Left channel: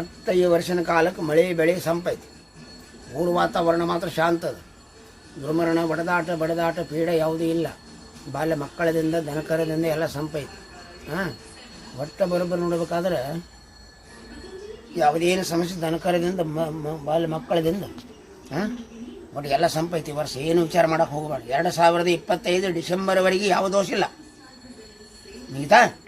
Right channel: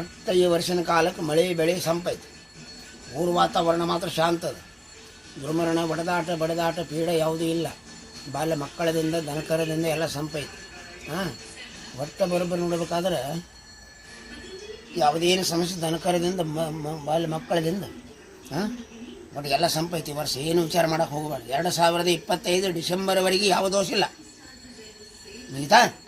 ಮತ್ತು ಈ ವರ್ಷನ ಕಾಲಕ್ಕೆ ಮಳೆ, ಬೆಳೆ ಸಂಪೈತಿ ಊರು ವಾತಾವರಣ ಮಾತ್ರ ಶಾಂತ ಅದು ದುರ್ಮರಣ, ಬಡದಾಟ ಬಡದಾಟ, ಪೀಡೆ ಯಾವುದೂ ಇಲ್ಲ. ಬಾಲ್ಯ ಮಕ್ಕಳದಿಂದ, ದನಕರದಿಂದ ಎಲ್ಲ ಸಂಪೈತಿ ಹಾಂ? ಒಟ್ಟ ಬರೋಬ್ಬರಿ ನೋಡ್ಬೇಕಾದ್ರೆ ಯಾವುದೇನು ಸಮಸ್ಯೆ ದನಕರದಿಂದ, ಮ- ಬಾಲ್ಯ ಮಕ್ಕಳದಿಂದ, ಹಾಂ? ಬಟ್ ಎಲ್ಲ ಸಂಪೈತಿ ಈ ವರ್ಷ ಏನು ವಿಚಾರ ಮಾಡೋಕೆ ಹೋಗಬಾರ್ದು ಎರಡು ಸಾವಿರದ ಇಪ್ಪತ್ತೈದು ಡಿಸೆಂಬರ್ವರೆಗೆ ಯಾವ ದೋಷ ಇಲ್ಲ. ಮುಗಿತಾ?